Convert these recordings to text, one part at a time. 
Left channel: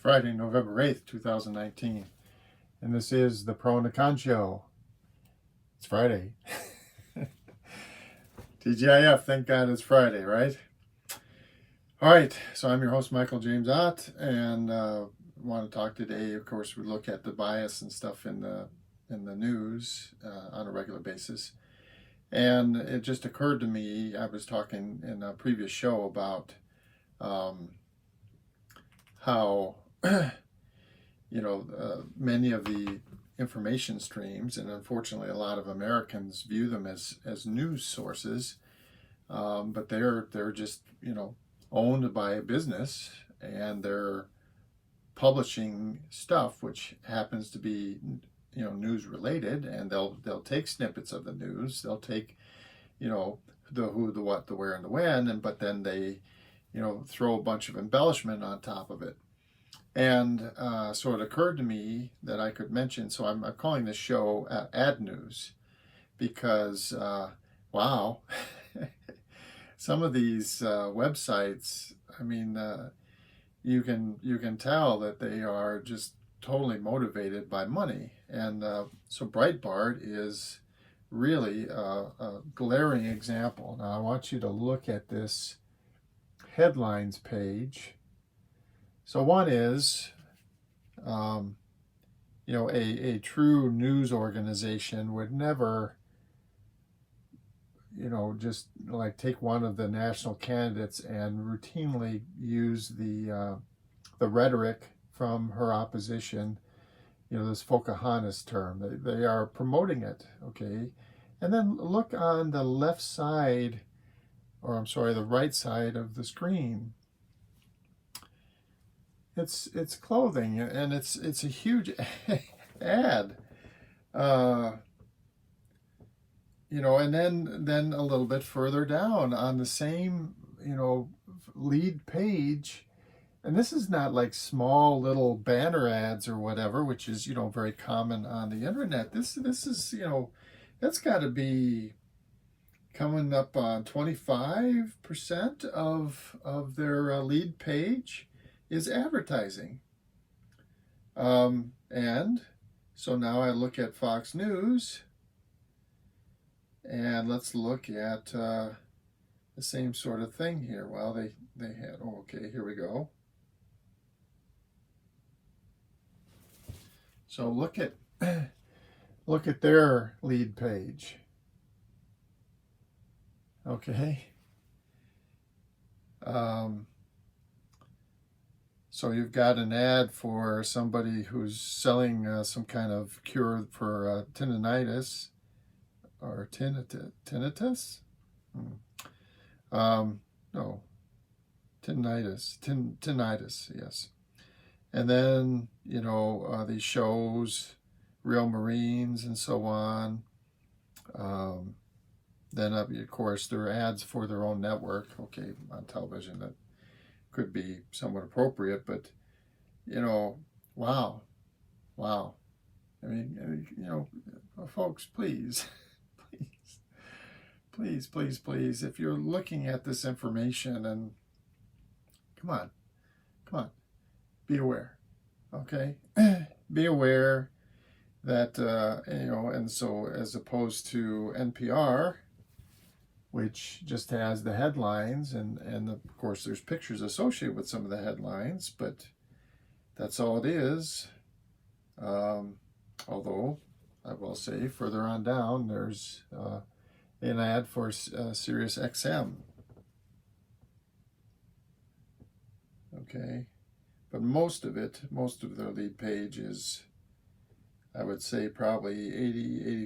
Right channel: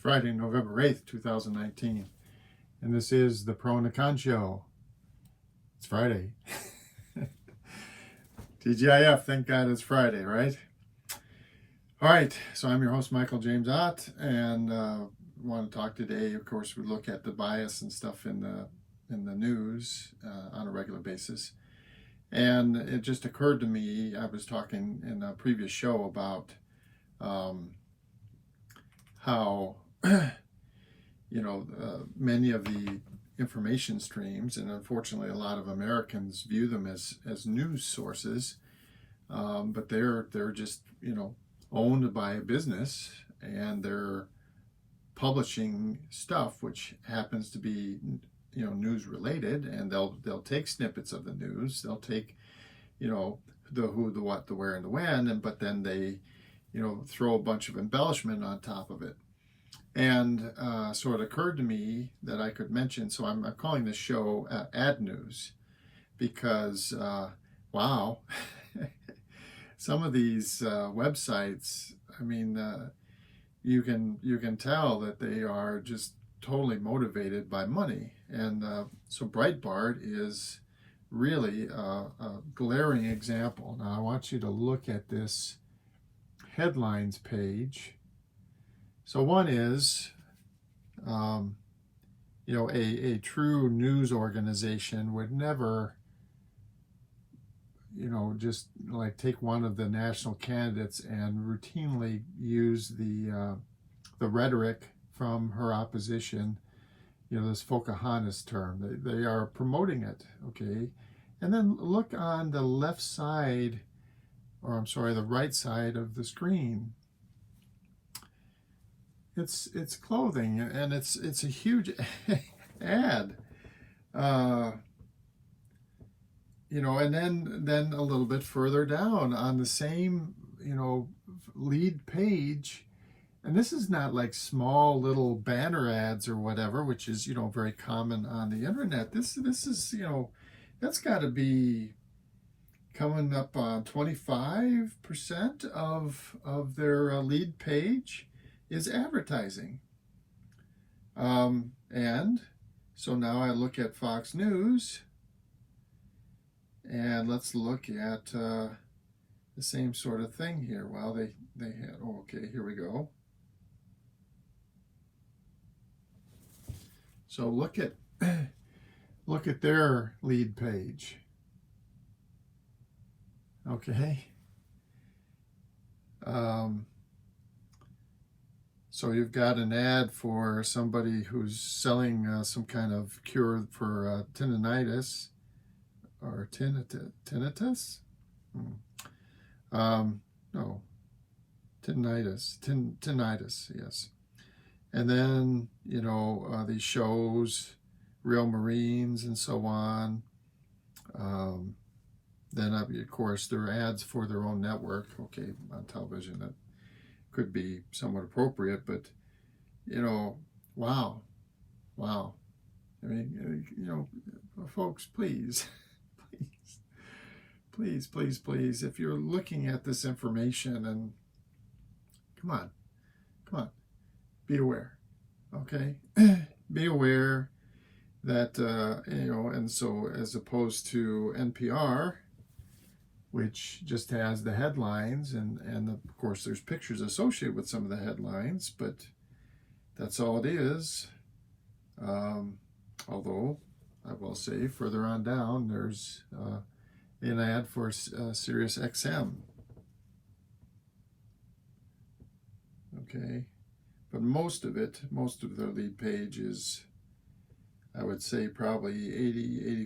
Friday, November 8th, 2019. And this is the Pro and the Con Show. It's Friday. TGIF, thank God it's Friday, right? All right, so I'm your host, Michael James Ott, and want to talk today. Of course, we look at the bias and stuff in the news on a regular basis. And it just occurred to me, I was talking in a previous show about how many of the information streams, and unfortunately a lot of Americans view them as news sources, but they're just owned by a business, and they're publishing stuff which happens to be news related, and they'll take snippets of the news, they'll take the who, the what, the where, and the when, but then they throw a bunch of embellishment on top of it. And so it occurred to me that I could mention, so I'm calling this show Ad News, because wow, some of these websites, I mean, you can tell that they are just totally motivated by money. And so Breitbart is really a glaring example. Now I want you to look at this headlines page. So one is, a true news organization would never, just like take one of the national candidates and routinely use the rhetoric from her opposition, this Pocahontas term. They are promoting it, okay? And then look on the left side, or I'm sorry, the right side of the screen. It's clothing, and it's a huge ad, and then a little bit further down on the same lead page, and this is not like small little banner ads or whatever, which is very common on the internet. This is that's got to be coming up on 25% of their lead page is advertising. And so now I look at Fox News, and let's look at the same sort of thing here. Well, they had, okay, here we go. So look at their lead page. Okay. So you've got an ad for somebody who's selling some kind of cure for tinnitus, or tinnitus? No, tinnitus, yes. And then, these shows, Real Marines and so on. Then, of course, there are ads for their own network, okay, on television that could be somewhat appropriate, but wow. I mean, folks, please, if you're looking at this information, and come on, be aware, okay? Be aware that and so as opposed to NPR, which just has the headlines, and of course there's pictures associated with some of the headlines, but that's all it is. Although I will say further on down, there's an ad for Sirius XM. Okay, but most of their lead page is, I would say probably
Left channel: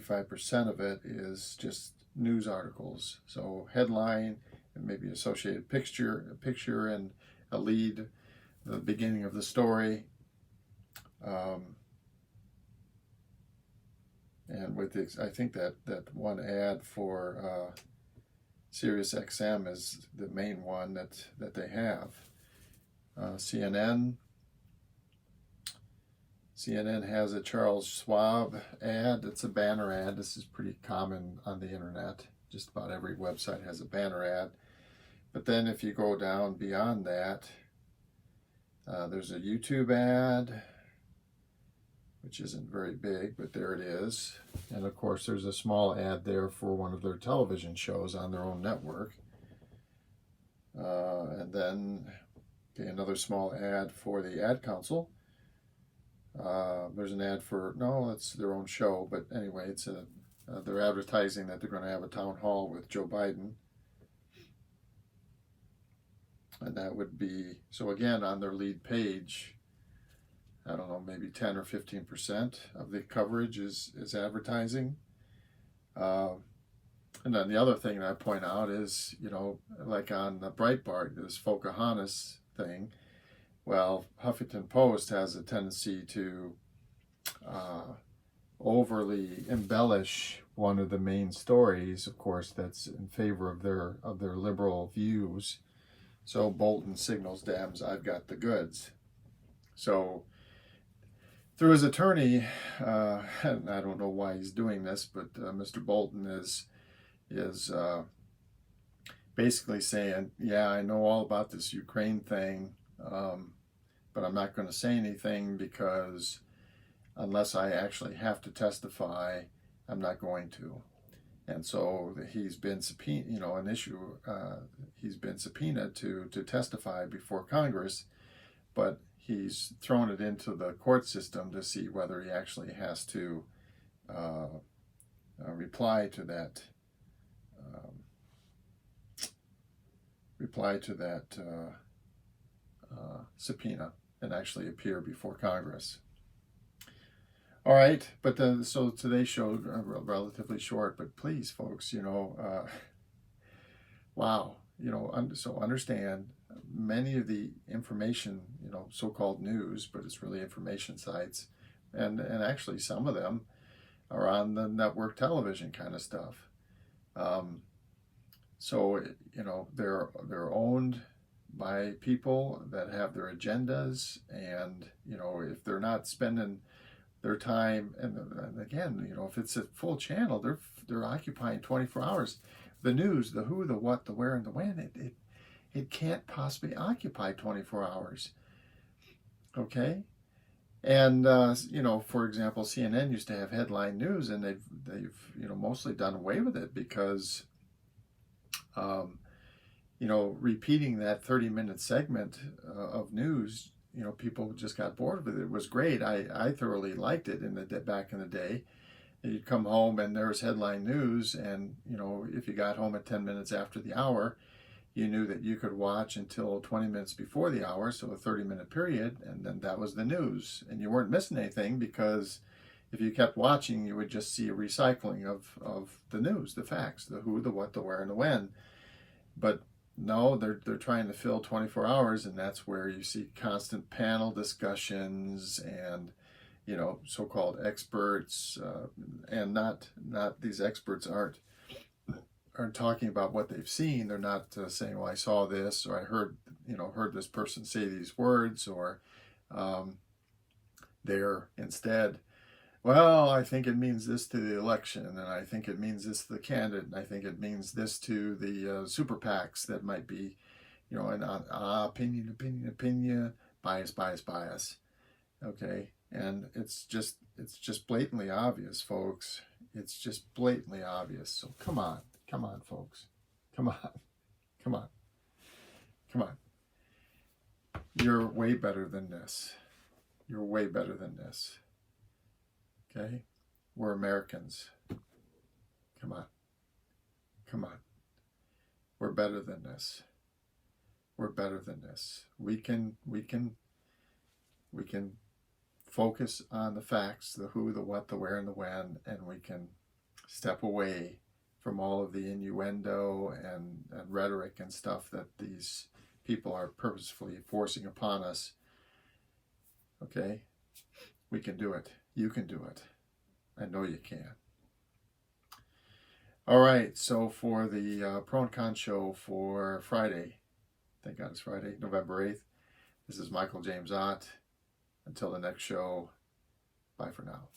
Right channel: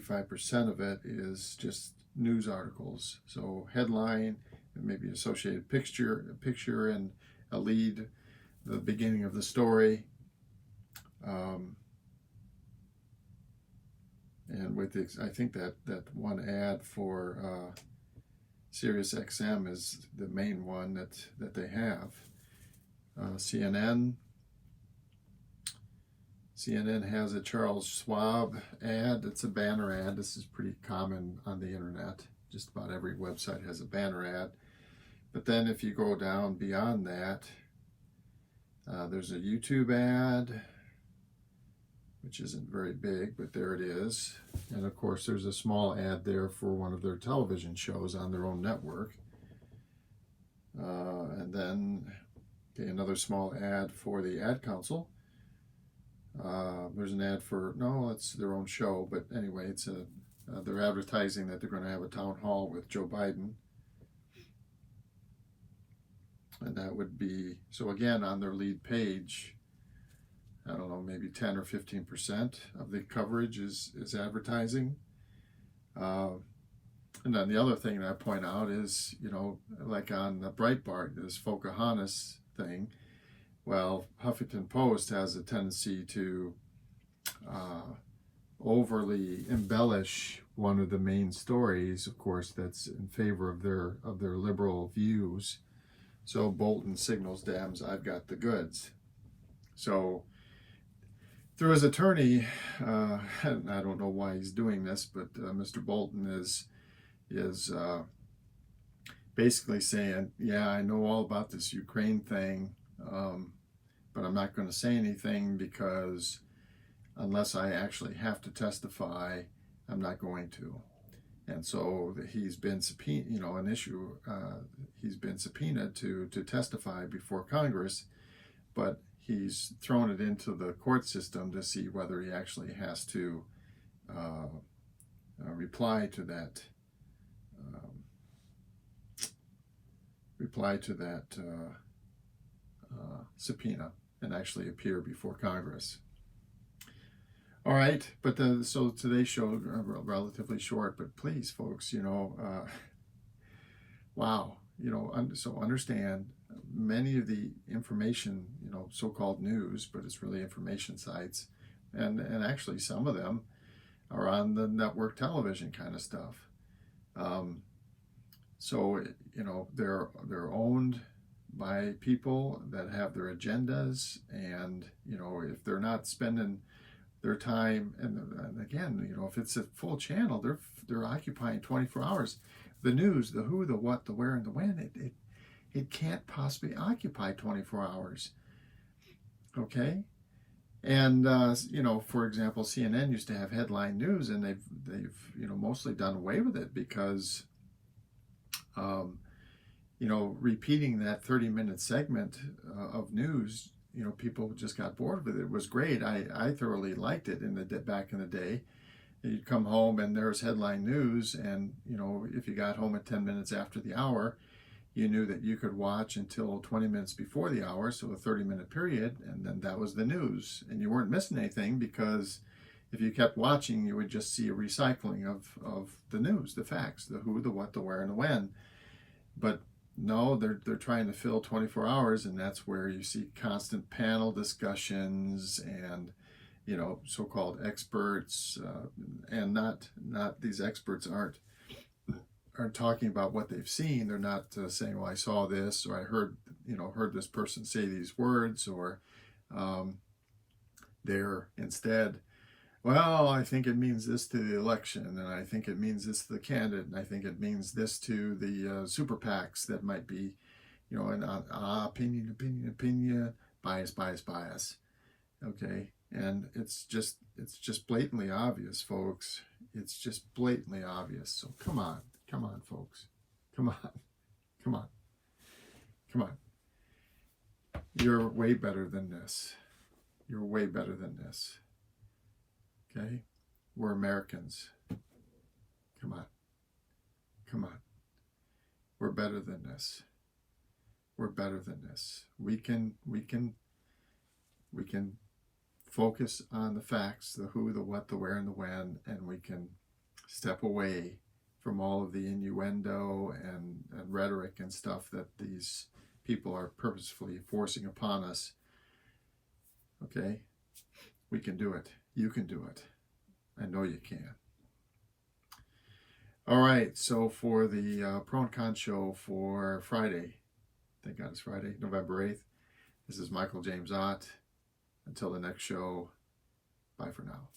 85% of it is just news articles. So headline, and maybe associated picture and a lead, the beginning of the story, and with I think that one ad for Sirius XM is the main one that they have. CNN has a Charles Schwab ad. It's a banner ad. This is pretty common on the internet. Just about every website has a banner ad. But then if you go down beyond that, There's a YouTube ad, which isn't very big, but there it is. And of course, there's a small ad there for one of their television shows on their own network. And then another small ad for the Ad Council. There's an ad for, no, that's their own show, but anyway, it's they're advertising that they're going to have a town hall with Joe Biden. And that would be, so again, on their lead page, I don't know, maybe 10 or 15% of the coverage is advertising. And then the other thing I point out is, like on the Breitbart, this Pocahontas thing, well, Huffington Post has a tendency to overly embellish one of the main stories, of course, that's in favor of their liberal views. So Bolton signals, "Dams, I've got the goods." So through his attorney, and I don't know why he's doing this, but Mr. Bolton is basically saying, yeah, I know all about this Ukraine thing, but I'm not going to say anything because unless I actually have to testify, I'm not going to. And so he's been subpoenaed, he's been subpoenaed to testify before Congress, but he's thrown it into the court system to see whether he actually has to reply to that subpoena and actually appear before Congress. All right, but so today's show relatively short, but please, folks, wow, so understand many of the information, so-called news, but it's really information sites, and actually some of them are on the network television kind of stuff. So they're owned by people that have their agendas, and if they're not spending their time, and again, if it's a full channel, they're occupying 24 hours. The news, the who, the what, the where, and the when, it can't possibly occupy 24 hours. Okay, and for example, CNN used to have headline news, and they've mostly done away with it because repeating that 30-minute segment of news, people just got bored with it. It was great. I thoroughly liked it back in the day. You'd come home and there was headline news, and if you got home at 10 minutes after the hour, you knew that you could watch until 20 minutes before the hour, so a 30-minute period, and then that was the news. And you weren't missing anything because if you kept watching, you would just see a recycling of the news, the facts, the who, the what, the where, and the when. But no, they're trying to fill 24 hours, and that's where you see constant panel discussions and so-called experts, and not these experts aren't talking about what they've seen. They're not saying, "Well, I saw this," or "I heard this person say these words," or they're instead, "Well, I think it means this to the election, and I think it means this to the candidate, and I think it means this to the super PACs that might be, an opinion, bias." Okay, and it's just blatantly obvious, folks. It's just blatantly obvious. So come on, folks, come on. You're way better than this. You're way better than this. Okay? We're Americans. Come on. We're better than this. We're better than this. We can focus on the facts, the who, the what, the where, and the when, and we can step away from all of the innuendo and rhetoric and stuff that these people are purposefully forcing upon us. Okay? We can do it. You can do it. I know you can. All right, so for the Pro and Con show for Friday, thank God it's Friday, November 8th, this is Michael James Ott. Until the next show, bye for now.